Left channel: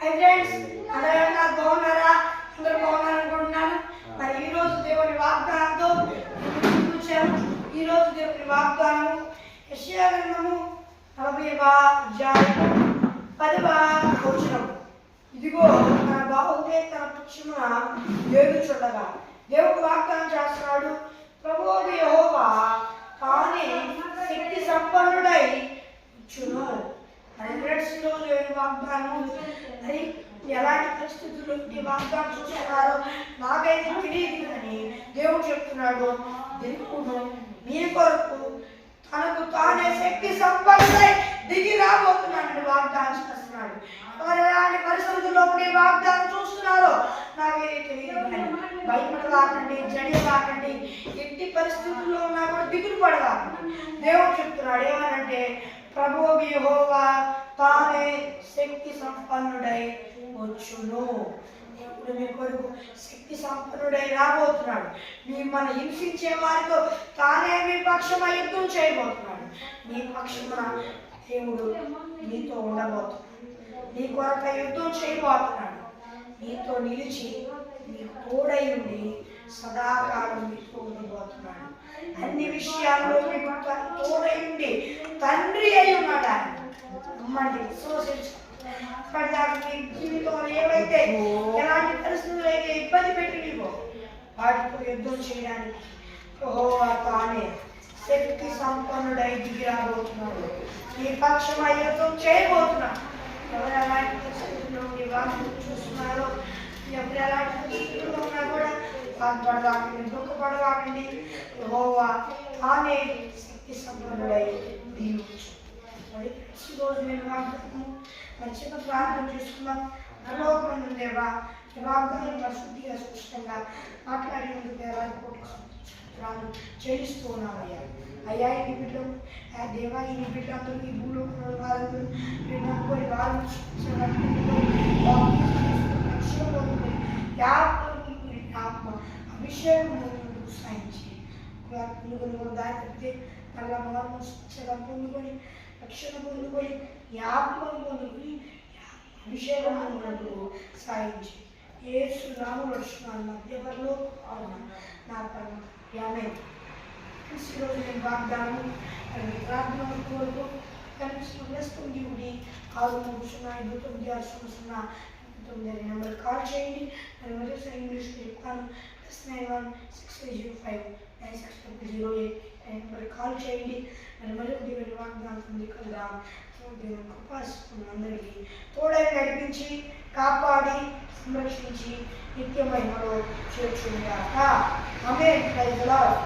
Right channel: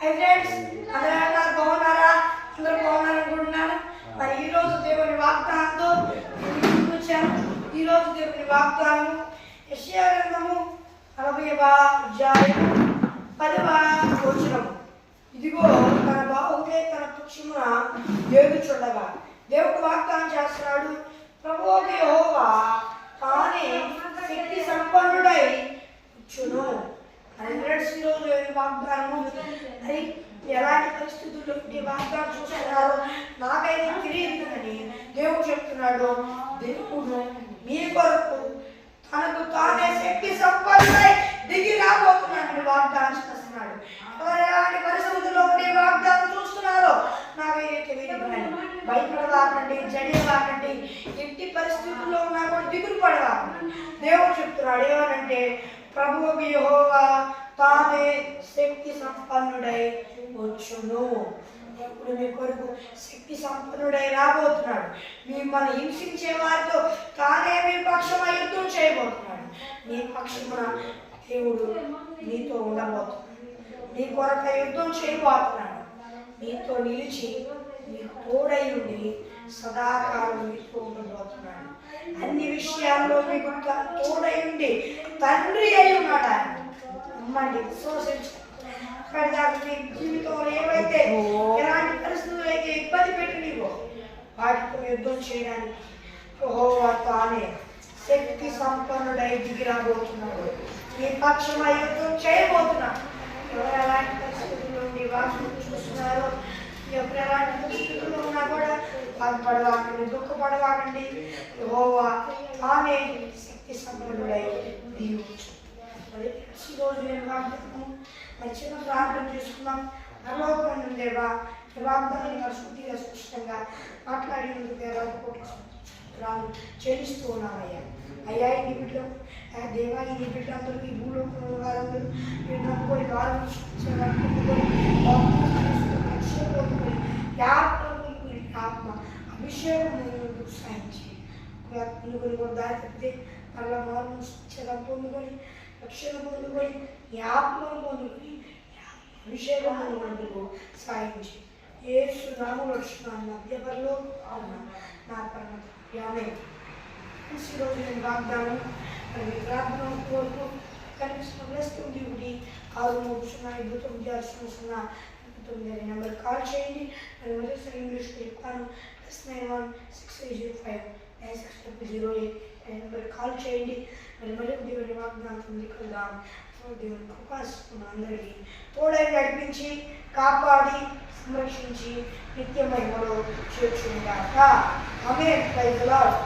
Hi friends, అందరూ బాగున్నారా? అందరూ బాగున్నారనుకుంటున్నాను. మరి ఈ రోజు దేవుని వాగ్దానంతో ముందుకు వచ్చాను. ఈ రోజు దేవుని వాగ్దానం యెషయా గ్రంథము 40వ అధ్యాయము 10వ వచనము. ఇదిగో తన బాహువుకే తన పక్షమున ఏగుచుండగా దేవుడు వాగ్దానం చేస్తున్నాడు. ప్రభువు యెహోవా తానే శక్తి సంపన్నుడై వచ్చును. ఈరోజు వాగ్దానము మరి ఎలాంటి పరిస్థితుల్లో ఈ వాగ్దానం చూస్తున్నారు నాకైతే తెలియదు అని దేవుడు చెప్తున్నాడు. దేవుడు మీ కొరకు తనకు తానే శక్తి సంపన్నుడై దిగి రాబోతున్నాడు వాగ్దానం చేస్తున్నాడు. ఎలాంటి పరిస్థితుల్లో ఈ వాగ్దానం చూస్తున్నారో నాకైతే తెలియదు కానీ భయపడవాకండి, జడియవాకండి, ఎట్టి పరిస్థితుల్లో ఉన్నా కూడా దిగులు పడవాకండి. దేవుడు చెప్తున్నాడు ఏమనంటే ప్రభువు యెహోవా తానే శక్తి సంపన్నుడై వచ్చును. ఇప్పుడు మీ కొరకు శక్తి సంపన్నుడై రాబోతున్నాడు. మిమ్మల్ని హింసించే వారితో తానే మీ పక్షమై యుద్ధం చేయబోతున్నాడు. నీ పక్షమున దేవుడు నీతో ఉండబోతున్నాడు. నీ కొరకు యుద్ధం చేయబోతున్నాడు. నీతో నిలిచి నీకు తోడై ఉండి సదాకాలం నీతో ఉండబోతున్నాడు. అన్ని విషయాల్లో మీకు తోడై ఉండి తండ్రి అయి ఉన్నాడు. ఆయన నమ్మండి, విశ్వసించండి. మీ జీవితంలో ఏవైతే ఎలాంటి పరిస్థితులు అయితే ఇబ్బంది పెట్టి నీవో వాటితో యుద్ధం చేయడానికి యెహోవా తానే శక్తి సంపన్నుడై దిగి రాబోతున్నాడు. నీ పక్షమై యుద్ధం చేయబోతున్నాడు. ఎవరు ఎలాంటి పరిస్థితుల్లో నీ వాక్యం చూస్తున్నారో, ఎవరు ఎలాంటి పరిస్థితుల్లో ఉన్నా కూడా బాధపడవాకండి, దుఃఖపడవాకండి. యెహోవా తానే శక్తి సంపన్నుడై దిగవచ్చు. మరి ఈరోజు నేను వాగ్దానం మరి చిన్న ప్రార్థన చేసుకున్నాం. పరలోకమందున్న దేవా, ఈ వాగ్దానం శుద్ధిగా స్పష్టంగా మాట్లాడినందుకు దేవానికి చెల్లిస్తూ ఉన్నామయ్యా. అయ్యా ఈ బిడ్డలు దేవా, ఈ బిడ్డలందరూ ఈ భూలోకంలో వారందరూ నమ్ముకొని వారు ఆత్మ అభిషేకం సాయించి పొందుకొని కూడా దారి తప్పితే మళ్ళా మారు పొందుకొని రక్షణ పొందుకొని ఈ ఆత్మను పొందుకొని అభిషేకం పొందుకు సాయించి యేసు నామములో రక్షిస్తున్నాను. ఎవరిలో నా పరమ ఈరోజు నేను వాగ్దానం ప్రార్థన కోరుకో కనిపిస్తున్న దేవుడి 630590609 నెంబర్ కాల్ చేయండి. మరి మరోసారి ఇంగ్లీష్లో చెప్తాను. +9160596008 నెంబర్ కాల్ చేయండి. మరి మరొక దేవుని వాగ్దానం కలుద్దాం. దేవుని కృపాసుకున్న అందరికీ తోడై నడిపించి కాపాడి సంరక్షించి నిత్య మహిమలో చేర్చుగాక. ఆమేన్. Praise the lord.